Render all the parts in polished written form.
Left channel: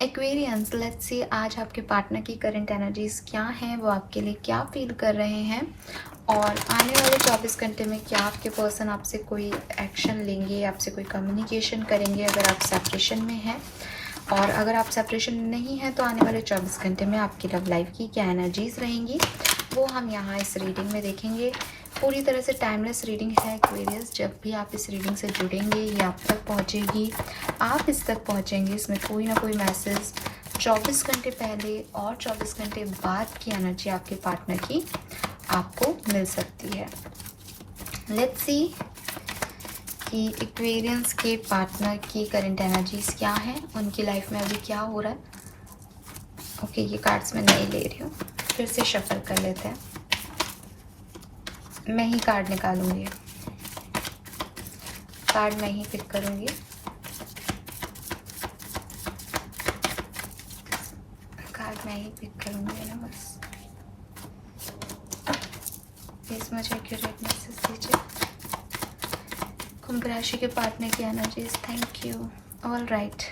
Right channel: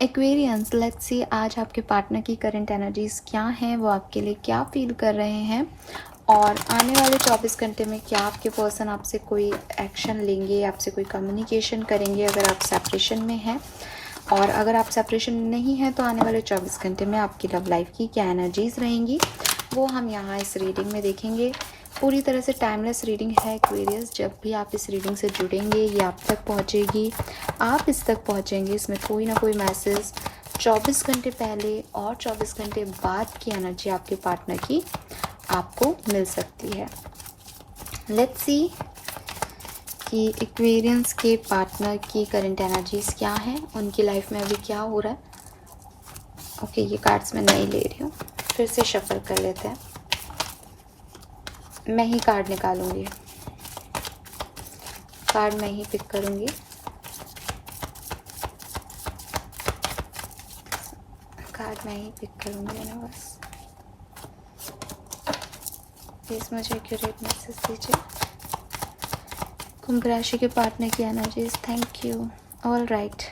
Aquarians, let's see आज आपके partner की करंट एनर्जीज क्या हैं, वो आपके लिए क्या फील कर रहे हैं और आने वाले 24 घंटे में क्या आपके पर्सन आपसे कोई एक्शन लेंगे, आपसे कोई कम्युनिकेशन करेंगे अगर आप सेपरेशन में हैं। और अगर आप सेपरेशन में नहीं हैं तो आने वाले 24 घंटे में आपकी लव लाइफ की क्या एनर्जीज रहेंगी वो हम यहाँ इस रीडिंग में देखेंगे। पूरी तरह से टाइमलेस रीडिंग है एक्वेरियस। जब भी आप इस रीडिंग से जुड़ेंगे ये आप तक पहुँचेगी, आप इस तक पहुँचेंगे। इसमें कोई ना कोई मैसेज 24 घंटे पहले और 24 घंटे बाद की एनर्जी आपके पार्टनर की आपको मिल सकती है। लेट्स सी कि एक्वेरियंस के पार्टनर की करंट एनर्जीज क्या है, उनकी लाइफ में अभी क्या हो रहा है। ओके, ये कार्ड्स मैं नहीं ले रही हूँ, फिर से शफल कर लेते हैं। मैं ही कार्ड निकालूंगी, कार्ड मैं ही पिक करूंगी। कार्ड मैं ही पिक करूंगी ना बस। प्लीज मुझे एक्यूरेट मैसेज दीजिए। कुंभ राशि के पार्टनर की energies, thank you. All right,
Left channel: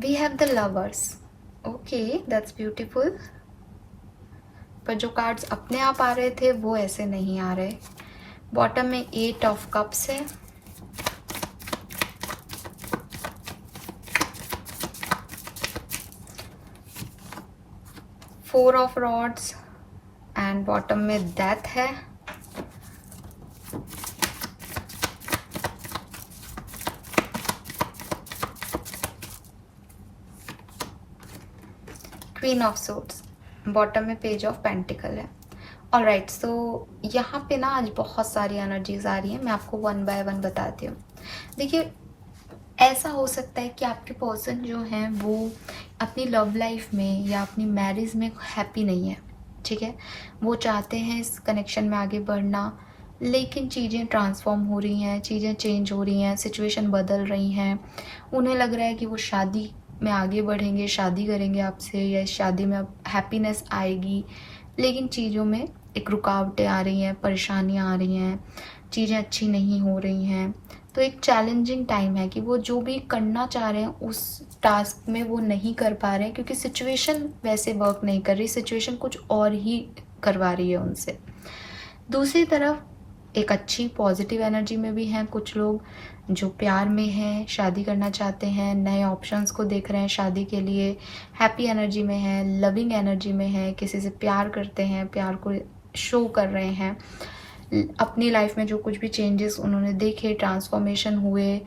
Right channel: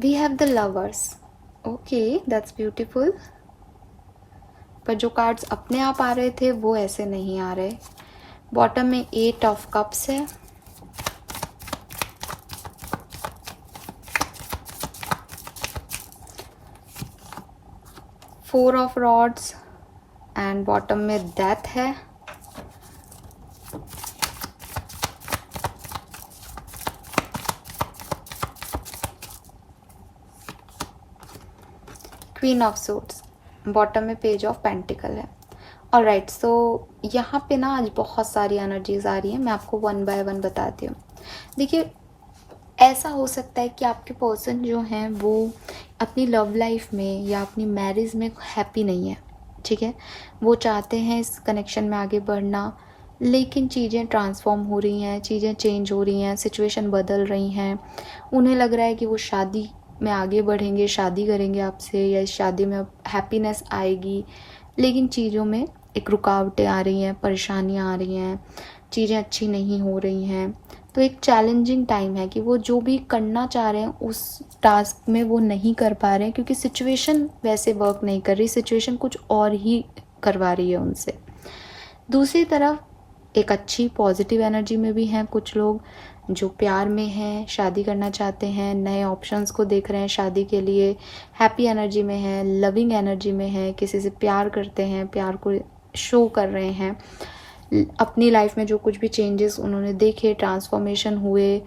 we have the lovers. Okay, that's beautiful. पर जो कार्ड्स अपने आप आ रहे थे वो ऐसे नहीं आ रहे। बॉटम में 8 ऑफ कप्स है, four of rods and bottom में डेथ है। क्वीन ऑफ सूट्स, बॉटम में पेज ऑफ पेंटिकल है। ऑलराइट, सो यहाँ पे ना आज बहुत सारी एनर्जीज आ रही है। मैं आपको वन बाय वन बताती हूँ। देखिए, ऐसा हो सकता है कि आपके पर्सन जो हैं वो अपनी लव लाइफ में या अपनी मैरिज में हैप्पी नहीं है। ठीक है, वो चाहते हैं इस कनेक्शन में आगे बढ़ना, लेकिन चीज़ें ट्रांसफॉर्म हो रही हैं, चीज़ें चेंज हो रही हैं, सिचुएशन बदल रही हैं। उन्हें लग रहा है कि वो शादी में आगे बढ़ेंगे, शादी करेंगे आपसे, या इस शादी में अब हैप्पीनेस आएगी, लेकिन चीज़ों में एक रुकावटें आ रही हैं, परेशानियाँ आ रही हैं, चीज़ें अच्छी नहीं हो रही हैं। तो एक चैलेंजिंग टाइम है कि वो जो भी करना चाह रहे हैं उस टास्क में वो नहीं कर पा रहे हैं, क्योंकि सिचुएशन वैसे वर्क नहीं कर रही, सिचुएशन कुछ और ही करवा रही है उनसे। दूसरी तरफ एक अच्छी पॉजिटिव एनर्जी में भी हैं कुछ लोग जो प्यार में हैं, शादी करना चाहते हैं, नए ऑप्शंस को देख रहे हैं शादी के लिए, हैप्पी एनर्जी में हैं, लविंग एनर्जी में हैं, किसी से प्यार करते हैं, प्यार को शो कर रहे हैं। अपनी लाइफ में जो कुछ भी चेंजेस उन्होंने देखे, ट्रांसफॉर्मेशन हुए,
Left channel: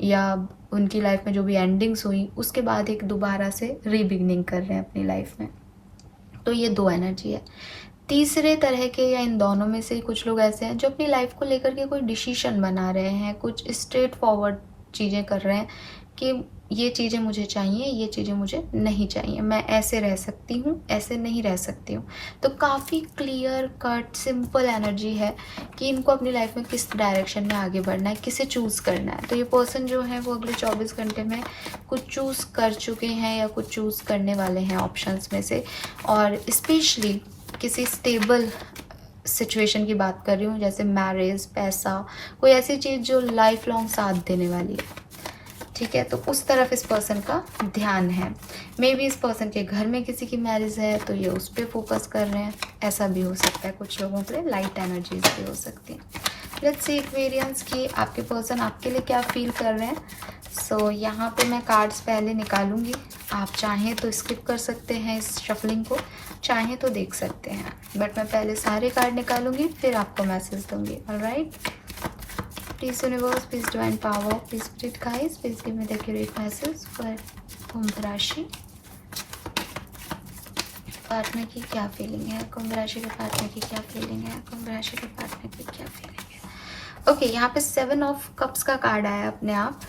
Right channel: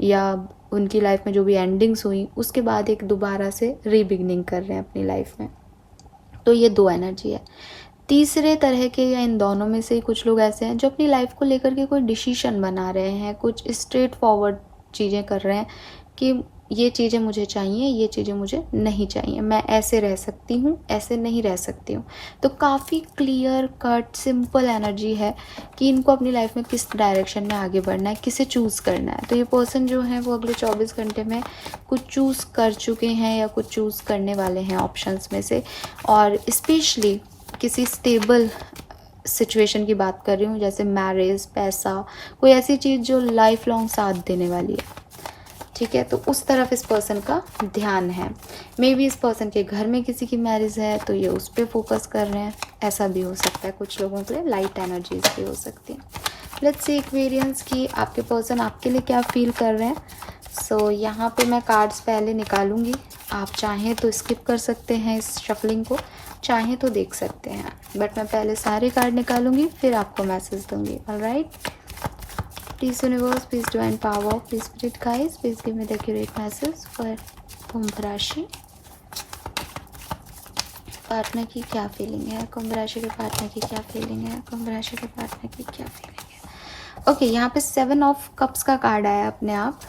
या उनकी लाइफ में जो भी एंडिंग्स हुई, उसके बाद एक दोबारा से रीबिगनिंग कर रहे हैं अपनी लाइफ में। तो ये दो एनर्जी है। तीसरे तरह के या इन दोनों में से कुछ लोग ऐसे हैं जो अपनी लाइफ को लेकर के कोई डिसीजन बना रहे हैं, कुछ स्ट्रेट फॉरवर्ड चीज़ें कर रहे हैं कि ये चीज़ें मुझे चाहिए, ये चीज़ें मुझे नहीं चाहिए, मैं ऐसे रह सकती हूँ, ऐसे नहीं रह सकती हूँ। तो काफ़ी क्लियर कट सिंपल एनर्जी है कि इनको अपनी लाइफ में किस डायरेक्शन में आगे बढ़ना है, किसे चूज़ करना है। तो ये पर्सन जो है वो अगले 24 घंटे में कुछ चूज़ कर चुके हैं या कुछ चूज़ करने वाले हैं ऑप्शंस में से। और स्पेशली किसी स्टेबल सिचुएशन की बात कर रही हूँ, जैसे मैरिज, पैसा, कोई ऐसी चीज़ जो लाइफ लॉन्ग साथ देने वाली है। ठीक है, तो उस तरफ इस पर्सन का ध्यान है। मे बी इस पर्सन के घर में किसी की मैरिज है तो ये उस पर फोकस कर रहे हैं, ऐसा भी हो सकता है। कुछ लोगों पे लाइट एनर्जीज भी हो सकती हैं। लेट्स सी एक्वेरियंस की आपके पर्सन आपके लिए क्या फील कर रहे हैं। सो यहाँ पे मैं कार्ड्स पहले निकालूंगी, आप चाहें तो स्किप कर सकते हैं इस शफलिंग को, चाहें तो देख सकते हैं, बट मैं पहले सारे कार्ड निकालूंगी फिर आपको मैसेज दूंगी। Alright, please universe, please divine power, please spirit guides, please give me the accurate message for Kumbh राशि। पार्टनर की क्या फीलिंग है, कुंभ राशि के पार्टनर की क्या फीलिंग है, कुंभ राशि के पार्टनर की क्या फीलिंग है। ओके, यहाँ पे 7 ऑफ कप्स का कार्ड आया अपने आप।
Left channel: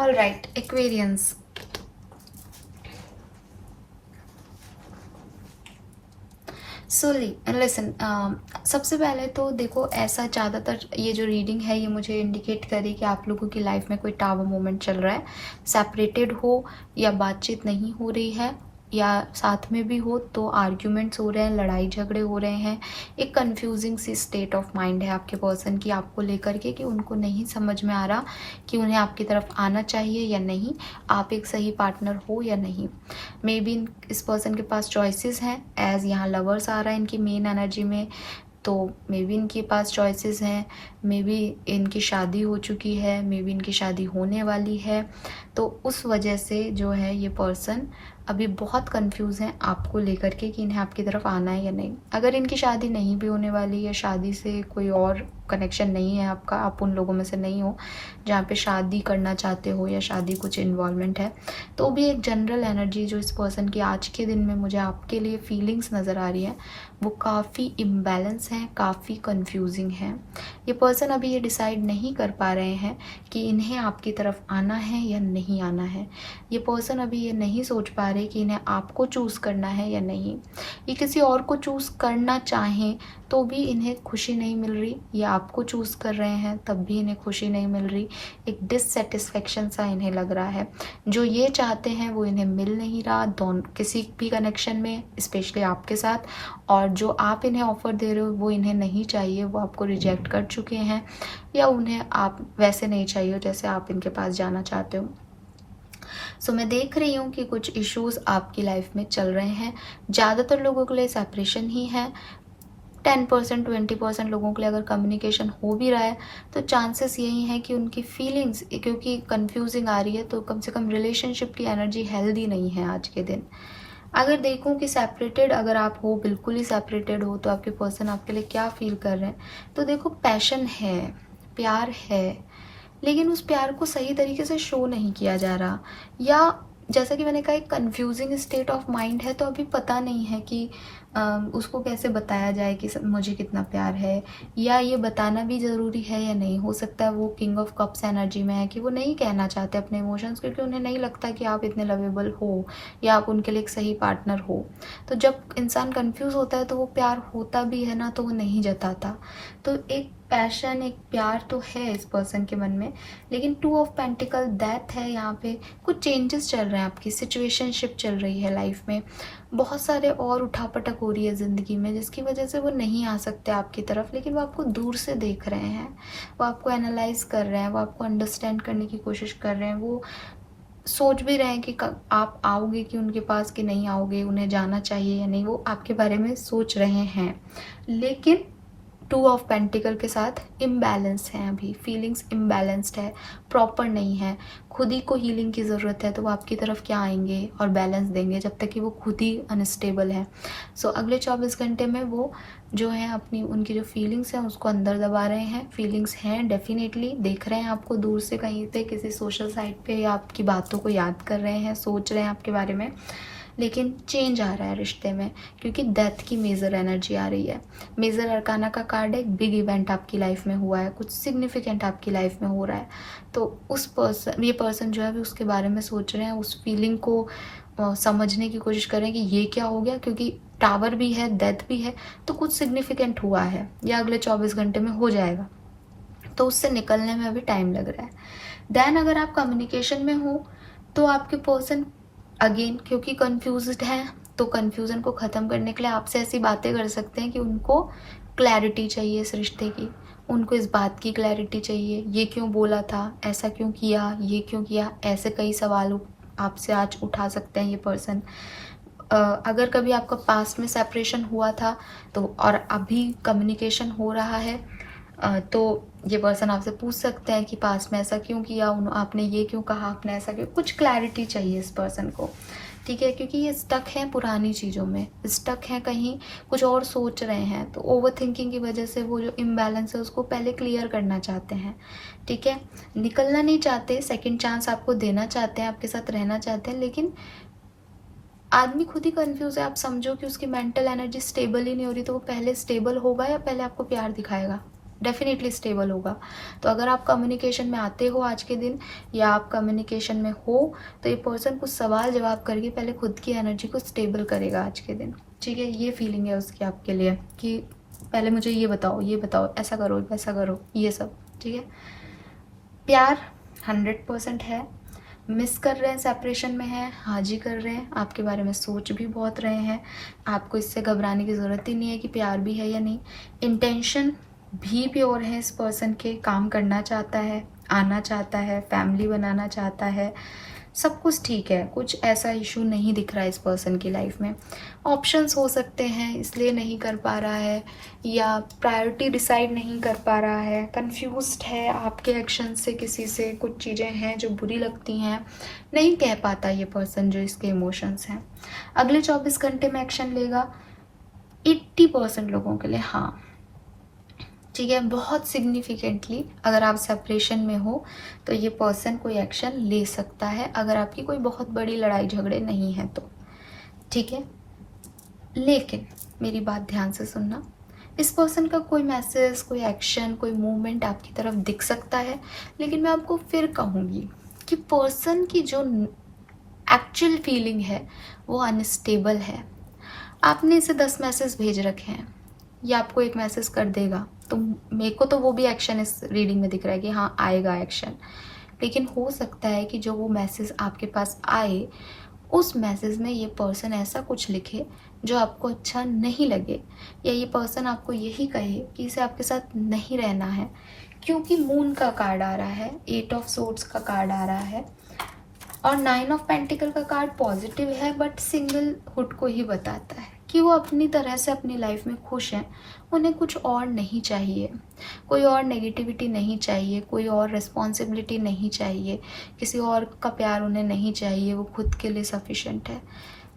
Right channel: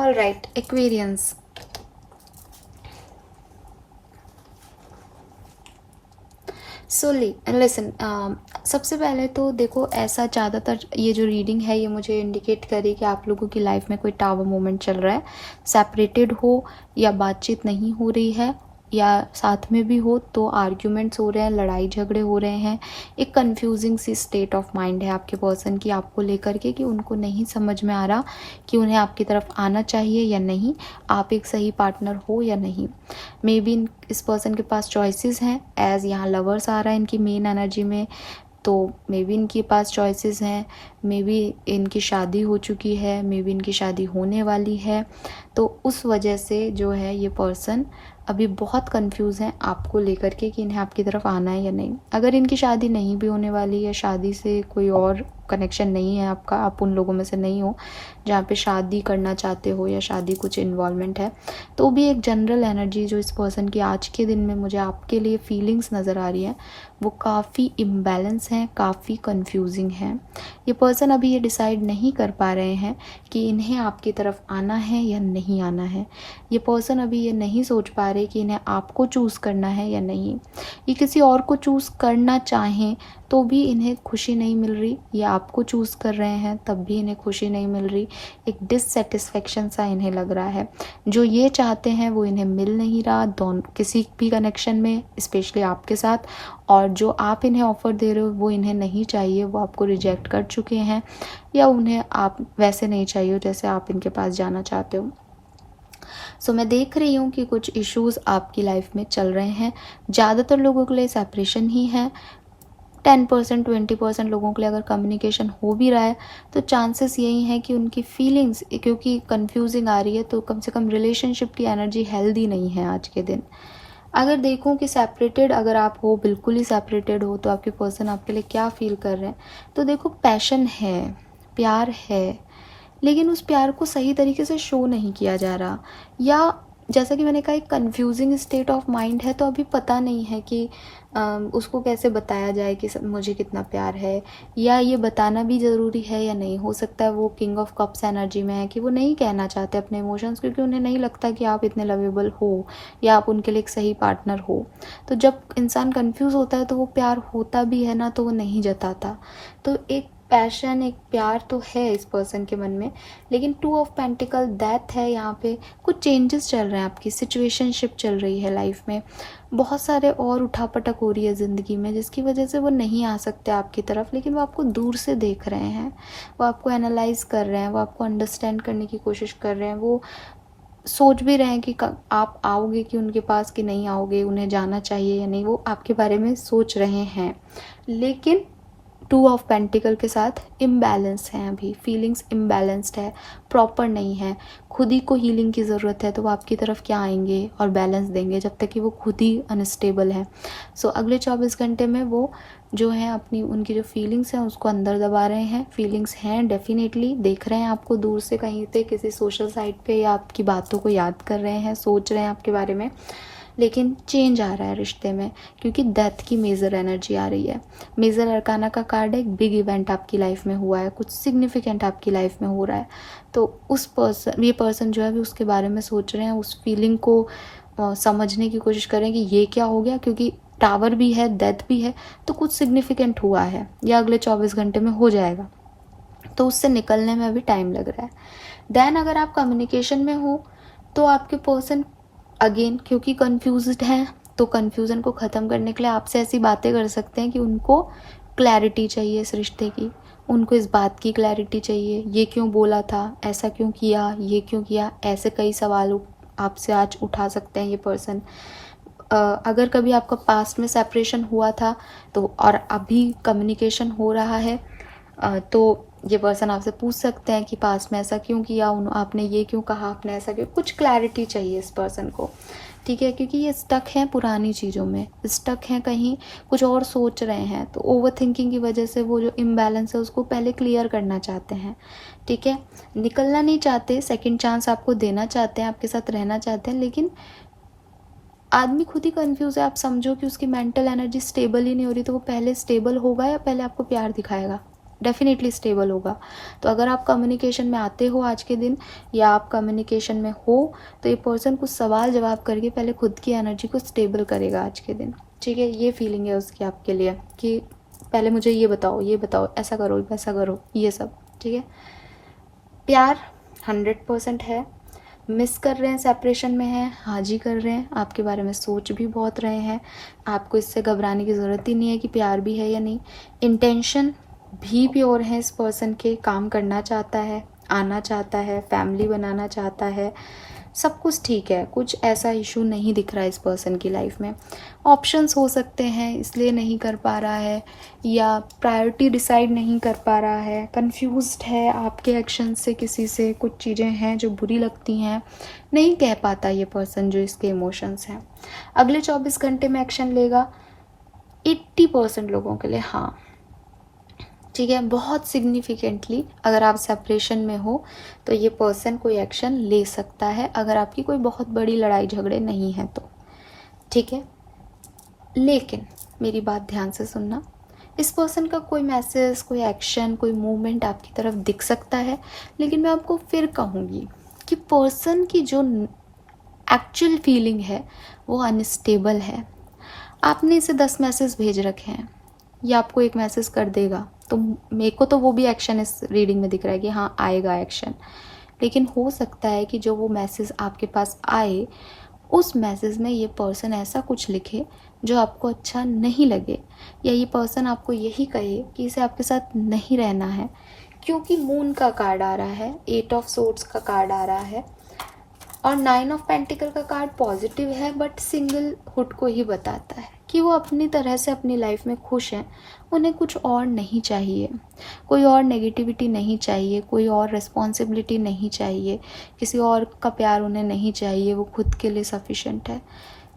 All right Aquarians, so listen, सबसे पहले तो देखो, ऐसा ज़्यादातर ये जो रीडिंग है ये मुझे इंडिकेट करे कि आप लोगों की लाइफ में कोई टावर मोमेंट चल रहा है, सेपरेटेड हो या बातचीत नहीं हो रही है, या साथ में भी हो तो आर्ग्यूमेंट्स हो रहे हैं, लड़ाई झगड़े हो रहे हैं। एक कंफ्यूजिंग सी स्टेट ऑफ माइंड है आपके पर्सन की आपको लेकर के, कि उनको नहीं समझ में आ रहा कि उन्हें आपकी तरफ आना चाहिए या नहीं, आप एक सही पार्टनर हो या नहीं। मे बी इस पर्सन के पास चॉइसेस हैं, एज यहाँ लवर्स आ रहा है इनकी मेन एनर्जी में, तो मे बी इनके पास चॉइसेस हैं, मे बी इनकी शादी हो चुकी है, मे बी इनकी शादी होने वाली है। तो उस वजह से जो है ये पर्सन अभी बहुत कंफ्यूज हैं आपको लेकर के कि इन्हें आपकी तरफ आना है या नहीं। अगर इनकी शादी नहीं भी होने वाली है, शादी से कोई और कनेक्शन नहीं है आपका, आप उन लोगों में से नहीं हो जहाँ पे शादी करना चाहते हो या शादी कुछ इन्वॉल्वमेंट है, तो भी एक जनरल एनर्जी जो इस पर्सन की आज के दिन में मुझे आपके लिए फीलिंग्स नज़र आ रही है वो काफ़ी इम्बैलेंस हैं, काफ़ी कंफ्यूजिंग हैं। ये पर्सन अभी ये डिसाइड नहीं कर पा रहे हैं कि इन्हें आपकी तरफ आना है या नहीं आना है। ये पर्सन अभी ये नहीं सोच पा रहे कि इन्हें आपको चूज़ करना है या नहीं। ये किसी और को चूज़ करना चाहें तो भी इन्हें खुशी नहीं मिल रही, ये आपको चूज़ कर रहे हैं तब भी इन्हें खुशी नहीं मिल रही। एक डिससेटिस्फेक्शन सा इन्हें लग रहा है। जो ये चाहते हैं वो इन्हें मिल नहीं रहा दोनों किसी भी कनेक्शन में, स्पेशली आपके साथ, और जो आप इन्हें ऑफ़र दे रहे हो वो इन्हें नहीं चाहिए, वो आपको रिजेक्ट कर चुके हैं, या उन्हें आप वैसे नहीं चाहिए जैसे आप इनके पास जाना चाहते हो। सो मैं देख रही हूँ कि कुछ इश्यूज़ आपकी लाइफ में चल रहे हैं। ज़्यादातर लोगों के लिए सेपरेशन ही है। 10% 20% लोगों के लिए अगर कम्युनिकेशन हो भी रहा है तो चांसेस यही हैं कि उनकी फीलिंग्स क्योंकि कंफ्यूजिंग आ रही है, तो कम से कम रिलेशनशिप की एनर्जी हेल्दी नहीं है आज के दिन। अगर देखूं कि सेपरेटेड अगर आप हो, बिल्कुल ही सेपरेटेड हो, तो आपके पर्सन आपके लिए क्या फील कर रहे हैं, तो देखो पैशन है, प्यार है, लेकिन उस प्यार को सही तरीके से शो नहीं किया जा रहा, या जैसा कि मैंने कहा एक कंफ्यूजिंग स्टेट ऑफ माइंड है, तो अभी पता नहीं है कि उसको कैसे बताया जाए कि मुझे कितना प्यार है, या ये बताना भी ज़रूरी है या नहीं। हो सकता है वो किंग ऑफ कप्स एनर्जी में है कि वो नहीं कहना चाहते अपने इमोशंस, क्योंकि उन्हें नहीं लगता कि आप इतने लवेबल हो या आप उनके लिए एक सही पार्टनर हो। तो जब इंसान कंफ्यूज होता है तो वो प्यार होता भी है ना, तो वो नहीं जताता। तो एक पैशन, एक प्यार तो है इस पर्सन के मन में, लेकिन 2 ऑफ पेंटिकल डेथ है यहाँ पे। कुछ चेंजेस चल रहे हैं, आपकी सिचुएशनशिप चल रही है लाइफ में, बहुत सारे और उठापटक हो रही है ज़िंदगी में, जिसकी वजह से वो नहीं आ सकते आपकी तरफ, लेकिन वो आपको दूर से देख रहे हैं, वो आपको एनालाइज कर रहे हैं, वो आपको अंडरस्टैंड करने की कोशिश कर रहे हैं, वो सोच भी रहे हैं कि आप आओगे कि उनके पास कि नहीं आओगे, उन्हें जाना चाहिए या नहीं, वो आपके बारे में सोच रहे हैं। लेकिन 2 ऑफ पेंटिकल के साथ इम्बैलेंस हैं, अभी फीलिंग्स इम्बैलेंस्ड है, प्रॉपर नहीं है। खुद ही को हीलिंग की ज़रूरत है, तो वो आपकी तरफ क्या आएंगे और बैलेंस देंगे जब तक कि वो खुद ही अनस्टेबल है। सो अगले 24 घंटे में वो जो है अपनी उनकी जो फीलिंग्स हैं उसको अंदर दबा रहे हैं। फीलिंग्स हैं डेफिनेटली, देख रहे हैं आपको दूर से कहीं पे किसी सोशल साइट पे, या आपकी बातों को याद कर रहे हैं, सोच रहे हैं आपके बारे में, लेकिन चेंज आ रहा है रिश्ते में, क्योंकि डेथ की मेजर एनर्जी आ रही है। मेजर अरकाना का कार्ड है, एक बिग इवेंट आपकी लाइफ में हुआ है, कुछ सिग्निफिकेंट आपकी लाइफ में हो रहा है, तो उस पर्सन, ये पर्सन जो है भी उसके बारे में सोच रहे हैं, उस फीलिंग को समझने की कोशिश करें कि ये क्या हो गया, क्योंकि टावर भी है, डेथ भी है, तो कुछ सिग्निफिकेंट हुआ है, या अगले 24 घंटे में हो जाएगा, तो उससे निकलने में अभी टाइम लग रहा है। देन अगर आप कम्युनिकेशन में हो तो आपके पर्सन अगेन क्योंकि कंफ्यूज्ड हैं, तो कंफ्यूजन को ख़त्म करने के लिए आपसे ऐसी बातें कर सकते हैं कि उनको क्लैरिटी चाहिए इस रिश्ते की, उनको इस बात की क्लैरिटी चाहिए, ये क्यों बोला था, ऐसा क्यों किया, ये क्यों किया, ऐसे कई सवाल आपसे आज उठा सकते हैं ये पर्सन। अगर कभी आपका पास्ट में सेपरेशन हुआ था तो और अभी कम्युनिकेशन हो रहा है, तो ये पर्सन आपसे पूछ सकते हैं कि पास्ट में ऐसा क्यों किया, आपने ये क्यों कहा, आपने ऐसा क्यों, कुछ क्लैरिटी चाहिए इस पर्सन को, ठीक है, क्योंकि ये स्टक हैं पुरानी चीज़ों में, स्टक हैं कहीं कुछ और सोच रहे हैं, तो ओवर थिंकिंग की वजह से वो जो इम्बैलेंस है उसको पहले क्लियर करना चाहते हैं, ठीक है, निकलना नहीं चाहते, सेकेंड चांस आपको देना चाहते हैं, आपके साथ रहना चाहते हैं, लेकिन आदमी खुद ही कंफ्यूज है। आप समझो कि उसकी मेंटल एनर्जी स्टेबल ही नहीं हो रही, तो वो पहले स्टेबल होगा या पहले आपको प्यार दिखाएगा, डेफिनेटली स्टेबल होगा। तो अगर आप कम्युनिकेशन में आते हो आज के दिन, या आप कम्युनिकेशन में हो, तो ये पर्सन कुछ सवाल जवाब करके पहले खुद की एनर्जी को स्टेबल करेगा आज के दिन। ठीक है, ये फीलिंग है उसकी आपके लिए कि पहले मुझे ये बताओ, ऐसा करो वैसा करो, ये सब। ठीक है, प्यार 100% है। मिस कर रहे हैं, सेपरेशन में हैं, हाँ जी कर रहे हैं, आपके बारे में सोच भी बहुत रहे हैं। आपको इससे घबराने की ज़रूरत ही नहीं है कि प्यार भी है या नहीं। इंटेंशन भी प्योर है इस पर्सन के, काम करना चाहता है, आना चाहता है, फैमिली बनाना चाहता है, सब कुछ ठीक है, कुछ ऐसा इशू नहीं दिख रहा है इस पर्सन की लाइफ में। ऑप्शंस हो सकते हैं इसलिए नहीं कर पा रहा है, या प्रायोरिटी डिसाइड नहीं कर पा रहा है, कंफ्यूज्ड है आपके एक्शन से, किसी से कुछ चीज़ें हैं जो बुरी लगती हैं, नहीं कह पाता ये पर्सन जो इसके इमोशंस हैं। अगले 24 घंटे में एक्शन लेगा 80% लोगों के लिए, हाँ। ठीक है, बहुत सिग्निफिकेंटली अगर आप सेपरेशन में हो तो ये पर्सन कोई एक्शन ले सकता है, अगर आपकी कोई बहुत बड़ी लड़ाई झगड़े नहीं हैं तो। ठीक है, लेकिन मेरी बात ध्यान से सुनना, इस पर्सन का कोई मैसेज, कोई एक्शन, कोई मूवमेंट आपकी तरफ दिख सकता है, लेकिन मैं आपको फिर कहूँगी कि पर्सन की जो एक्चुअल फीलिंग है वो अनस्टेबल है। आपने इसे 10 मैसेज भेज रखे हैं, ये आपको एक मैसेज कर देगा, तो मेरे को तो वो भी एक्शन इस रीडिंग में दिख रहा है कि हाँ आएगा एक्शन, लेकिन हो सकता है कि जो वो मैसेज आपके पास आए, उस मैसेज में ये पर्सन ऐसा कुछ लिखे जो आपको अच्छा नहीं लगे, या ये पर्सन आपको यही कहे कि इसे आपके साथ नहीं रहना है, क्योंकि मून का कार्ड आ रहा है, 8 ऑफ सोर्ड्स का कार्ड आ रहा है, और 9 ऑफ पेंटिकल का कार्ड पॉजिटिव है, बट सिंगलहुड को ही बताता है कि वो अपनी तरह से अपनी लाइफ में खुश हैं, उन्हें कुछ और नहीं चाहिए, कोई और नेगेटिविटी नहीं चाहिए, कोई और रिस्पॉन्सिबिलिटी नहीं चाहिए, किसी और का प्यार उन्हें नहीं चाहिए, वो खुद के लिए सफिशेंट है।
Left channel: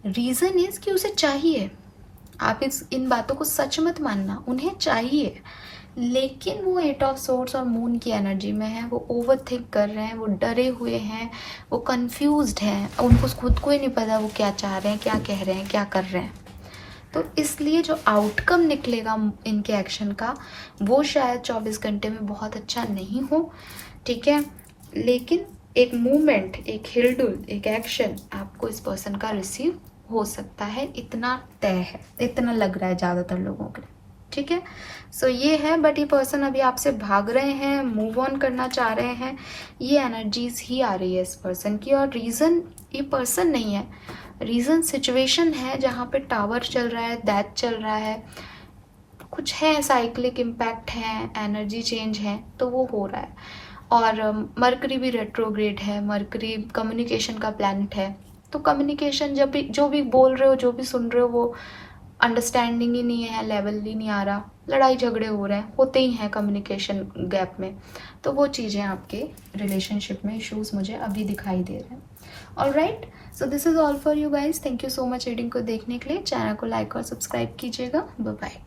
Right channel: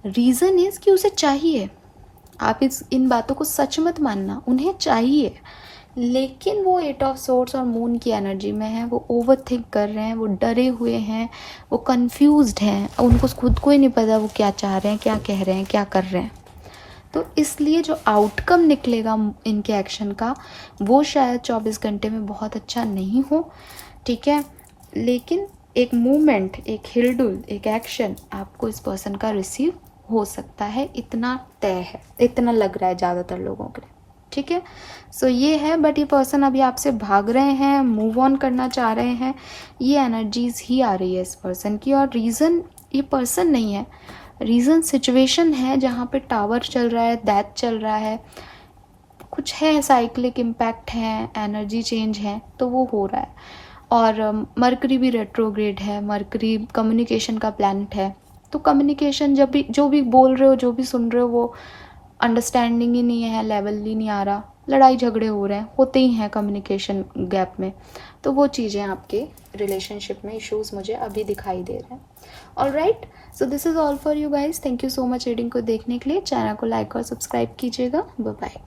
रीज़न इज़ कि उसे चाहिए, आप इन बातों को सच मत मानना, उन्हें चाहिए, लेकिन वो 8 ऑफ सोर्ड्स और मून की एनर्जी में है, वो ओवर थिंक कर रहे हैं, वो डरे हुए हैं, वो कंफ्यूज्ड हैं, उनको खुद को ही नहीं पता वो क्या चाह रहे हैं, क्या कह रहे हैं, क्या कर रहे हैं। तो इसलिए जो आउटकम निकलेगा इनके एक्शन का, वो शायद 24 घंटे में बहुत अच्छा नहीं हो। ठीक है, लेकिन एक मूवमेंट, एक हिलडुल, एक एक्शन आपको इस पर्सन का रिसीव हो सकता है, इतना तय है, इतना लग रहा है ज़्यादातर लोगों के लिए। ठीक है, सो ये है, बट ये पर्सन अभी आपसे भाग रहे हैं, मूव ऑन करना चाह रहे हैं, ये एनर्जीज ही आ रही है इस पर्सन की। और रीज़न ये पर्सन नहीं है, रीज़न सिचुएशन है जहाँ पे टावर चल रहा है, डेथ चल रहा है, कुछ है, साइक्लिक इम्पैक्ट है, एनर्जी चेंज है, तो वो हो रहा है। और मरकरी भी रेट्रोग्रेड है, मरकरी कम्युनिकेशन का प्लैनेट है, तो कम्युनिकेशन जब भी जो भी बोल रहे हो, जो भी सुन रहे हो, वो अंडरस्टैंडिंग ही नहीं है, लेवल ही नहीं आ रहा, लड़ाई झगड़े हो रहे हैं, होते ही हैं कम्युनिकेशन गैप में, तो वो चीज़ें आपके रिलेशनशिप में इश्यूज मुझे अभी दिखाई दे रहे हैं। Alright, so this is all for you guys, thank you so much reading को देखने के लिए। चैनल को लाइक और सब्सक्राइब कीजिएगा। Bye bye.